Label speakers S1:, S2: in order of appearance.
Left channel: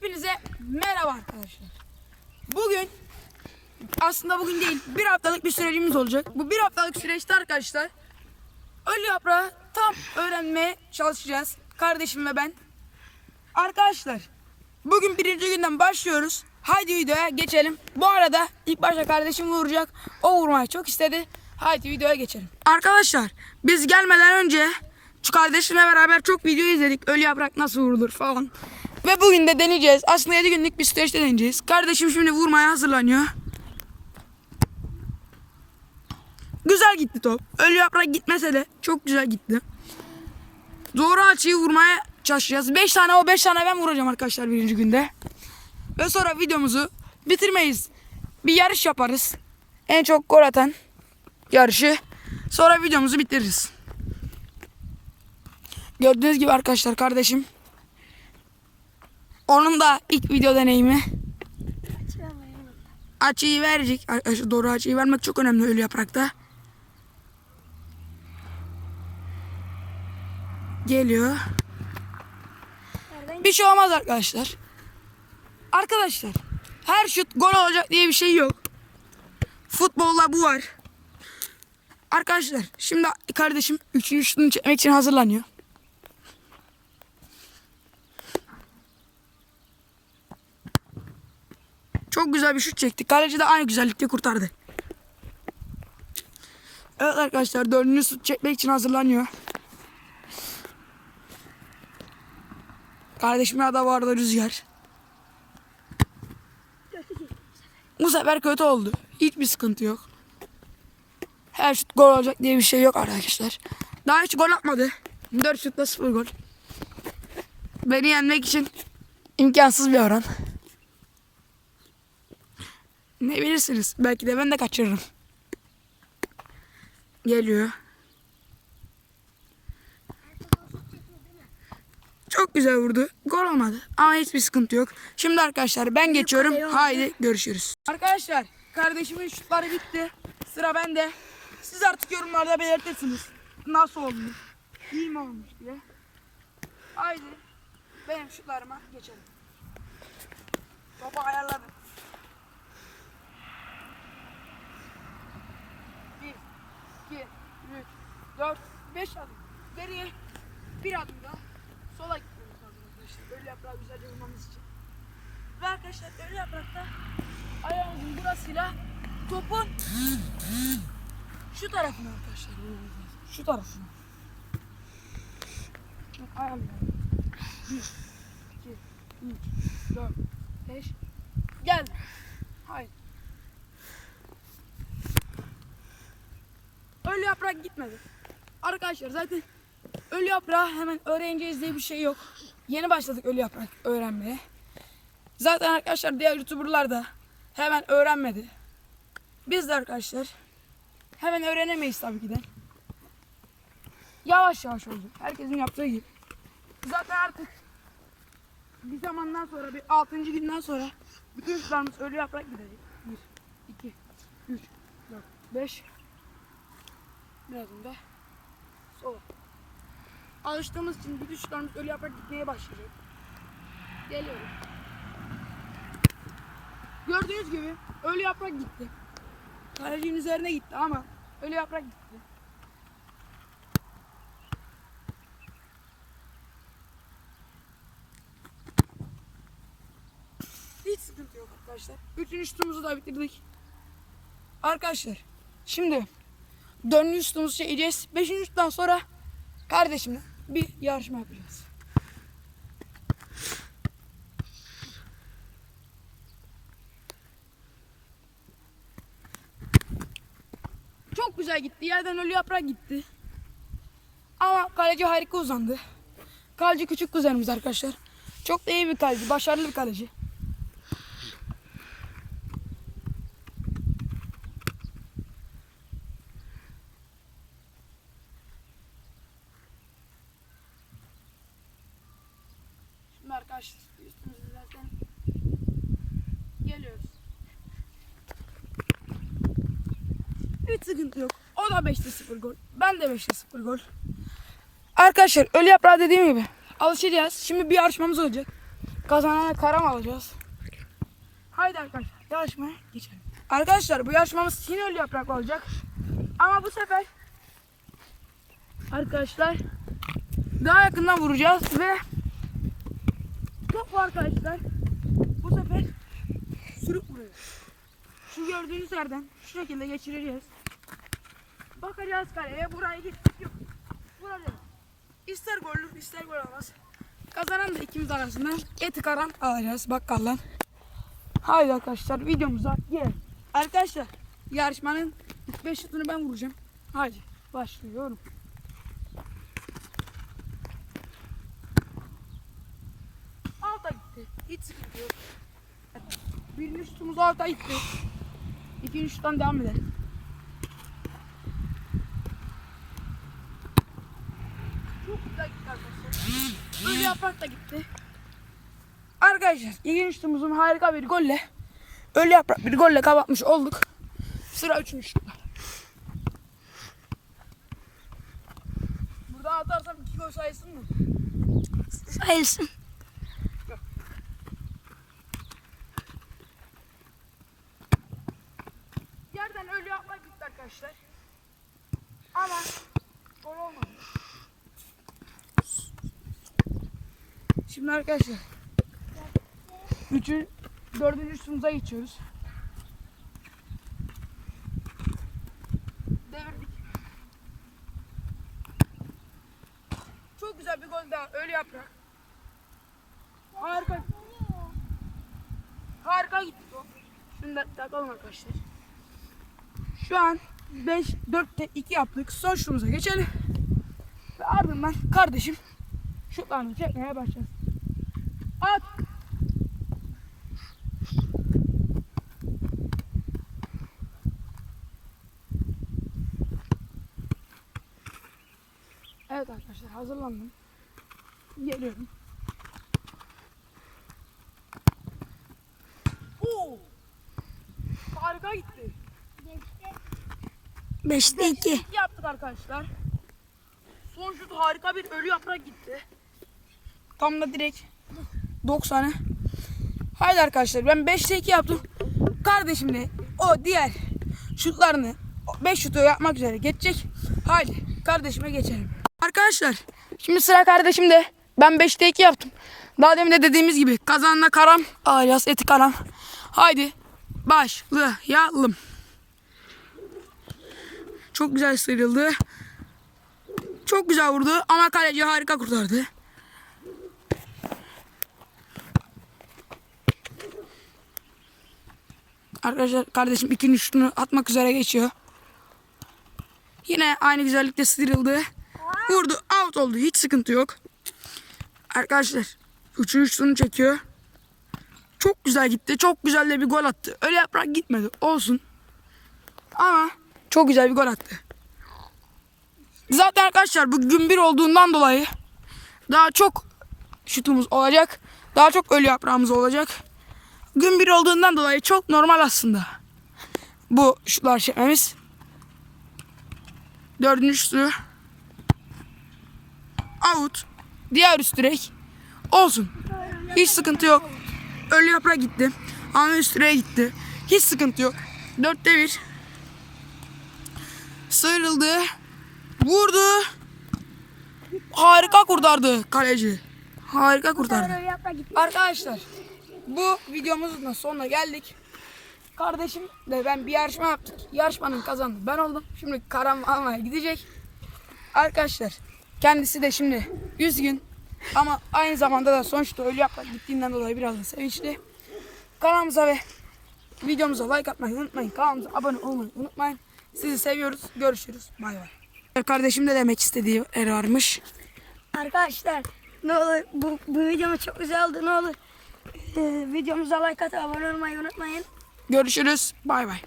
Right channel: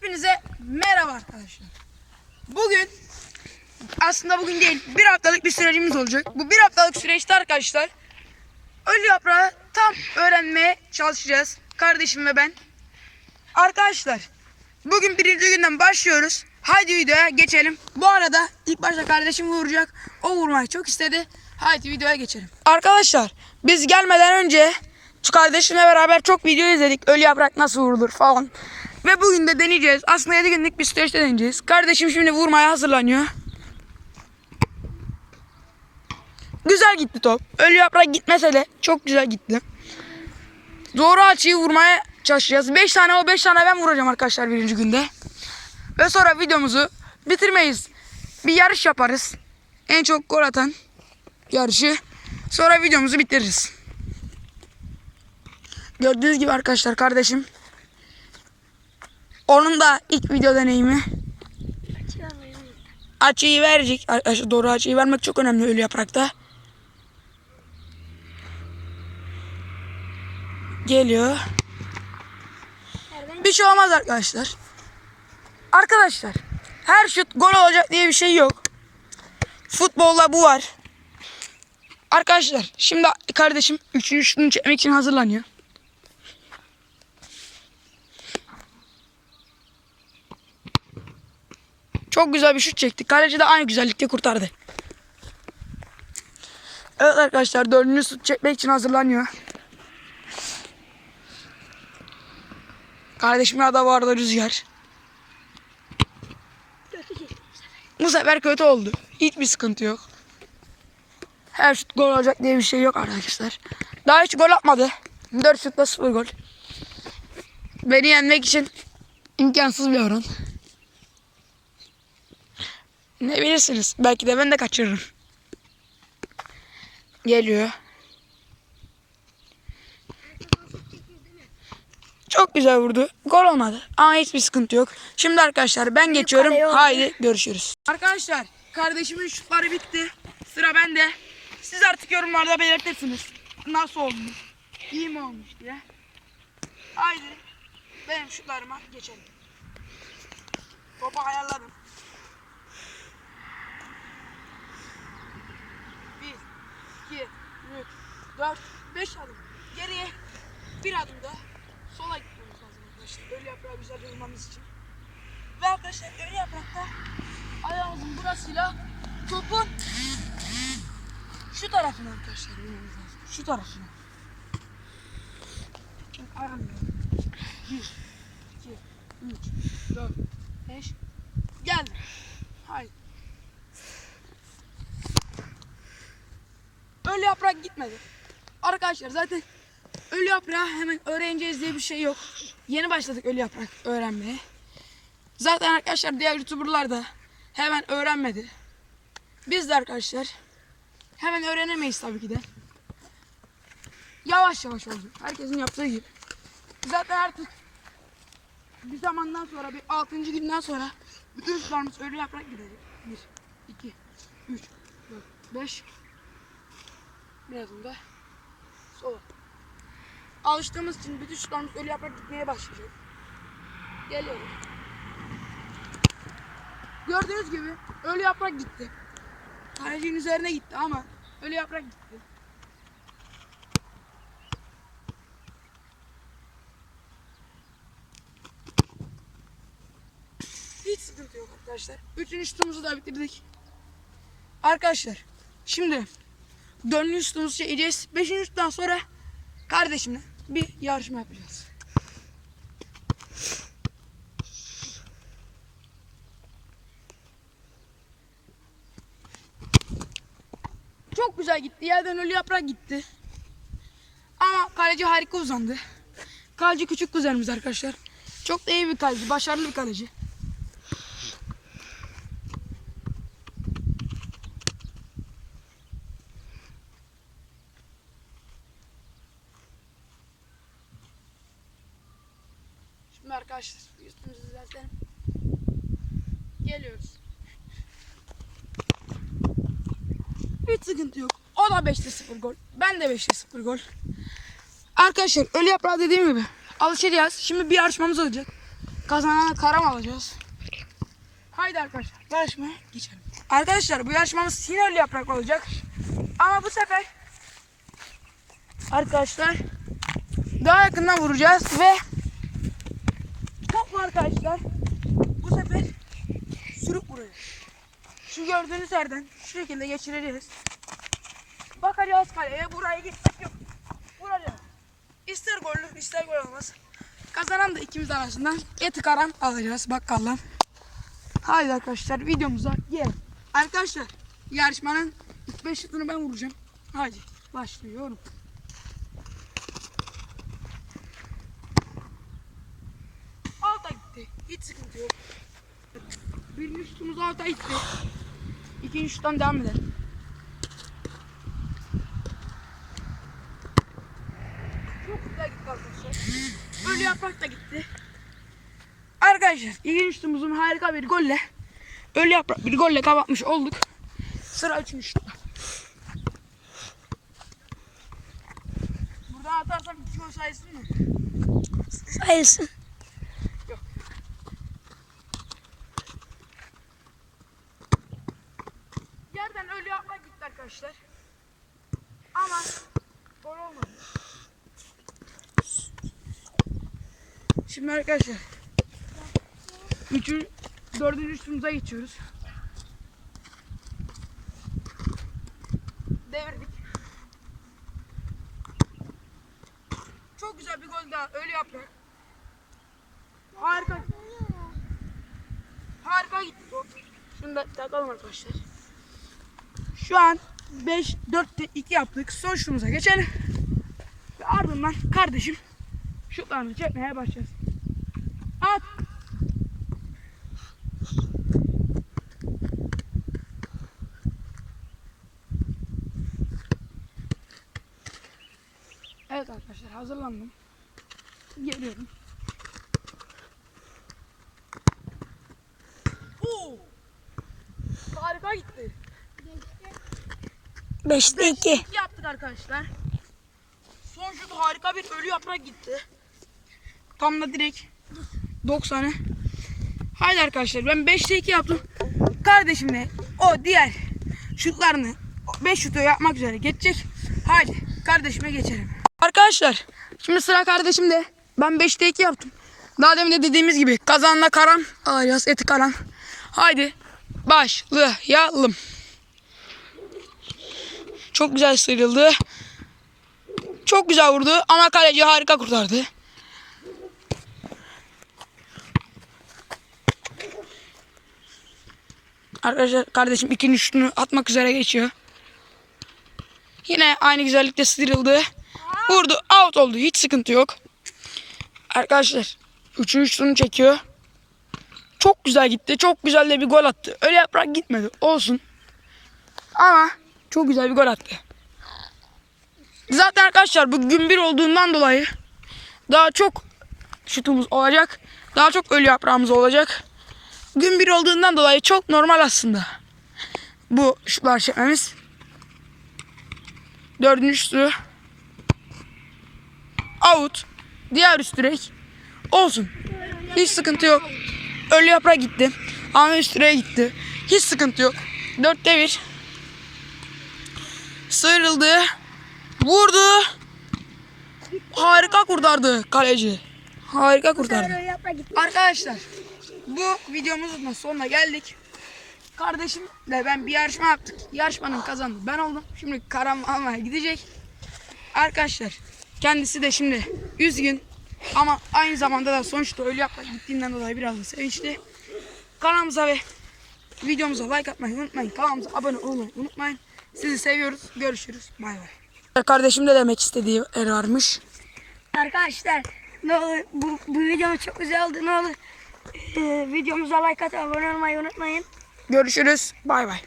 S1: Hepinize merhaba arkadaşlar. Bugün aslında bugün değil bir haftalık bir sürecimiz olacak. Bu bir haftalık süreçte arkadaşlar ölü yaprağı tam öğrenmeye çalışacağız. Kardeşim ve ben. Arkadaşlar bugün birinci günden başlıyoruz. Haydi videoya geçelim. Bu arada ilk başta kardeşim vuracak. O vurmayı çok istedi. Haydi videoya geçelim. Arkadaşlar biz gelmeden önce şu kardeşimle beraber çok video izledik. Ölü yaprak nasıl vurulur falan. Ve bugün de deneyeceğiz. Aslında 7 günlük bir süreçte deneyeceğiz. Kardeşim şimdi vurmaya hazırlanıyor. Güzel gitti top. Ölü yaprak gitmese de çok güzel gitti. Doğru açıyı vurmaya çalışacağız. 5 tane o 5 tane ben vuracağım arkadaşlar birinci günde. Ve sonra videomuzu bitirmeyiz. Bir yarış yaparız. En çok gol atan yarışı. Sonra videomuzu bitiririz. Gördüğünüz gibi arkadaşlar kardeşim. Onun da ilk video deneyimi. Açıyı verecek. Arkadaşlar doğru açıyı vermek çok önemli ölü yaprakta. Geliyor. Bir şey olmaz arkadaşlar. Arkadaşlar her şut gol olacak diye bir şey yok. Futbolda bu var. Arkadaşlar şimdi kardeşim üçüncü şutunu çekmek için hazırlanıyor. Çok güzel bir şut çekti. Kaleci de aynı güzellikte kurtardı. Evet arkadaşlar dördüncü şut çekmek için hazırlanıyor. Kardeşimin adı vardı Rüzgar. Bu sefer kötü oldu. Hiçbir sıkıntı yok. Her şut gol olacak diye bir şey yok arkadaşlar. Daha hiç gol atmadı. 4 şutla 0 gol. Beni yenmek için imkansız bir oran. Ne bilirsiniz? Belki de ben de kaçırırım. Geliyor. Çok güzel vurdu. Gol olmadı. Ama hiçbir sıkıntı yok. Şimdi arkadaşlar ben geçiyorum. Haydi görüşürüz. Arkadaşlar kardeşimin şutları bitti. Sıra bende. Siz artık yorumlarda belirtirsiniz. Nasıl olmuş? İyi mi olmuş diye. Haydi ben şutlarıma geçelim. Topu ayarladım. 2, 3, 4, 5 adım. Geriye bir adım daha sola gitmemiz lazım arkadaşlar. Ölü yaprağı güzel yorulmamız için. Ve arkadaşlar ölü yaprakta ayağımızın burasıyla topun şu tarafını arkadaşlar vurmamız lazım. Şu tarafını. Ayağım. 1, 2, 3, 4, 5. Gel. Haydi. Yaprak gitmedi. Arkadaşlar zaten ölü yaprağı hemen öğreneceğiz diye bir şey yok. Yeni başladık ölü yaprak öğrenmeye. Zaten arkadaşlar diğer youtuberlar da hemen öğrenmedi. Biz de arkadaşlar hemen öğrenemeyiz tabii ki de. Yavaş yavaş oldu. Herkesin yaptığı gibi. Zaten artık bir zamandan sonra bir 6. günden sonra bütün sularımız ölü yaprak gidecek. 1, 2, 3, 4, 5. Birazdan da sola. Alıştığımız için bütün sularımız ölü yaprak gitmeye başlayacak. Geliyorum. Gördüğünüz gibi ölü yaprak gitti. Kalecinin üzerine gitti ama ölü yaprak gitti. Hiç sıkıntı yok arkadaşlar. Üçüncü şutumuzu da bitirdik. Arkadaşlar şimdi dördüncü şutumuzu çekeceğiz. Beşinci şuttan sonra kardeşimle bir yarışma yapacağız. Çok güzel gitti. Yerden ölü yaprak gitti. Ama kaleci harika uzandı. Kaleci küçük kuzenimiz arkadaşlar. Çok da iyi bir kaleci. Başarılı bir kaleci. Şimdi arkadaşlar üstümüzü düzeltelim. Geliyoruz. Hiç sıkıntı yok. O da 5'te 0 gol. Ben de 5'te 0 gol. Arkadaşlar ölü yaprağı dediğim gibi alışacağız. Şimdi bir yarışmamız olacak. Kazanana karam alacağız. Haydi arkadaşlar yarışmaya geçelim. Arkadaşlar bu yarışmamız sinirli yaprak olacak. Ama bu sefer arkadaşlar daha yakından vuracağız ve top arkadaşlar bu sefer sürüp vuruyor. Şu gördüğünüz yerden şu şekilde geçireceğiz. Bakacağız kaleye buraya gitmek yok. Vuracağız. İster gollü ister gol olmaz. Kazanan da ikimiz arasından eti karan alacağız bakkaldan. Haydi arkadaşlar videomuza gel. Arkadaşlar yarışmanın 5 şutunu ben vuracağım. Haydi başlıyorum. Alta gitti. Hiç sıkıntı yok. Birinci şutumuz alta gitti. İkinci şuttan devam edelim. Çok güzel gitti arkadaşlar. Böyle yaprak da gitti. Arkadaşlar ikinci şutumuzun harika bir golle Ölü yaprak bir golle kapatmış olduk. Sıra şutta. Burada atarsam iki gol sayılsın mı?
S2: Sayılsın.
S1: Yerden ölü yapmak gitti arkadaşlar. Ama gol olmadı. Şimdi arkadaşlar Üçü, dördüncü üstümüze geçiyoruz. Devirdik. Çok güzel bir gol daha. Ölü yaprak. Harika. Harika gitti top. Şunu da takalım arkadaşlar. Şu an 5, 4'te 2 yaptık. Son şutumuza geçelim. Ve ardından kardeşim şutlarını çekmeye başlayacağız. At. Evet arkadaşlar hazırlandım. Geliyorum. Oo! Harika gitti.
S2: 5'te 2.
S1: İki yaptık arkadaşlar. Son şut harika bir ölü yaprak gitti. Tam da direkt 90'ı. Haydi arkadaşlar ben 5'te 2 yaptım. Kardeşim de o diğer şutlarını 5 şutu yapmak üzere geçecek. Haydi kardeşime geçelim. Arkadaşlar şimdi sıra kardeşimde. Ben 5'te 2 yaptım. Daha demin de dediğimiz gibi kazanla karam alacağız eti karam. Haydi başlayalım. Çok güzel sıyrıldı. Çok güzel vurdu ama kaleci harika kurtardı. Arkadaşlar kardeşim ikinci şutunu atmak üzere geçiyor. Yine aynı güzellikte sıyrıldı. Vurdu out oldu hiç sıkıntı yok. Arkadaşlar üçüncü şutunu çekiyor. Çok güzel gitti. Çok güzel de bir gol attı. Öyle yaprak gitmedi. Olsun. Ama çok güzel bir gol attı. Zaten arkadaşlar bu gün bir olduğundan dolayı daha çok şutumuz olacak. Daha çok ölü yaprağımız olacak. Gün bir olduğundan dolayı çok normal aslında. Bu şutlar çekmemiz. Dördüncü şutu. Out. Diğer üst direk. Olsun. Hiç sıkıntı yok. Ölü yaprak gitti. Ama üst direğe gitti. Hiç sıkıntı yok. Dörtte bir. Sıyrıldı. Vurdu. Harika kurtardı kaleci. Harika kurtardı. Arkadaşlar bu videomuzun da sonuna geldik. Kardeşimle ben bir yarışma yaptık. Yarışmanın kazandı ben oldum. Şimdi karam almaya gidecek. Arkadaşlar kendisi de şimdi üzgün ama aynı zamanda da sonuçta öyle yapmak gittiğinden dolayı biraz da sevinçli. Kanalımıza ve videomuza like atmayı unutmayın. Kanalımıza abone olmayı unutmayın. Sizi seviyoruz. Görüşürüz. Bay bay. Kardeşim de demek istediği yer varmış.
S2: Arkadaşlar ne olur bu, bu videomuz çok güzel oldu ne olur. Ee, videomuza like atıp abone olmayı unutmayın.
S1: Görüşürüz. Bay bay.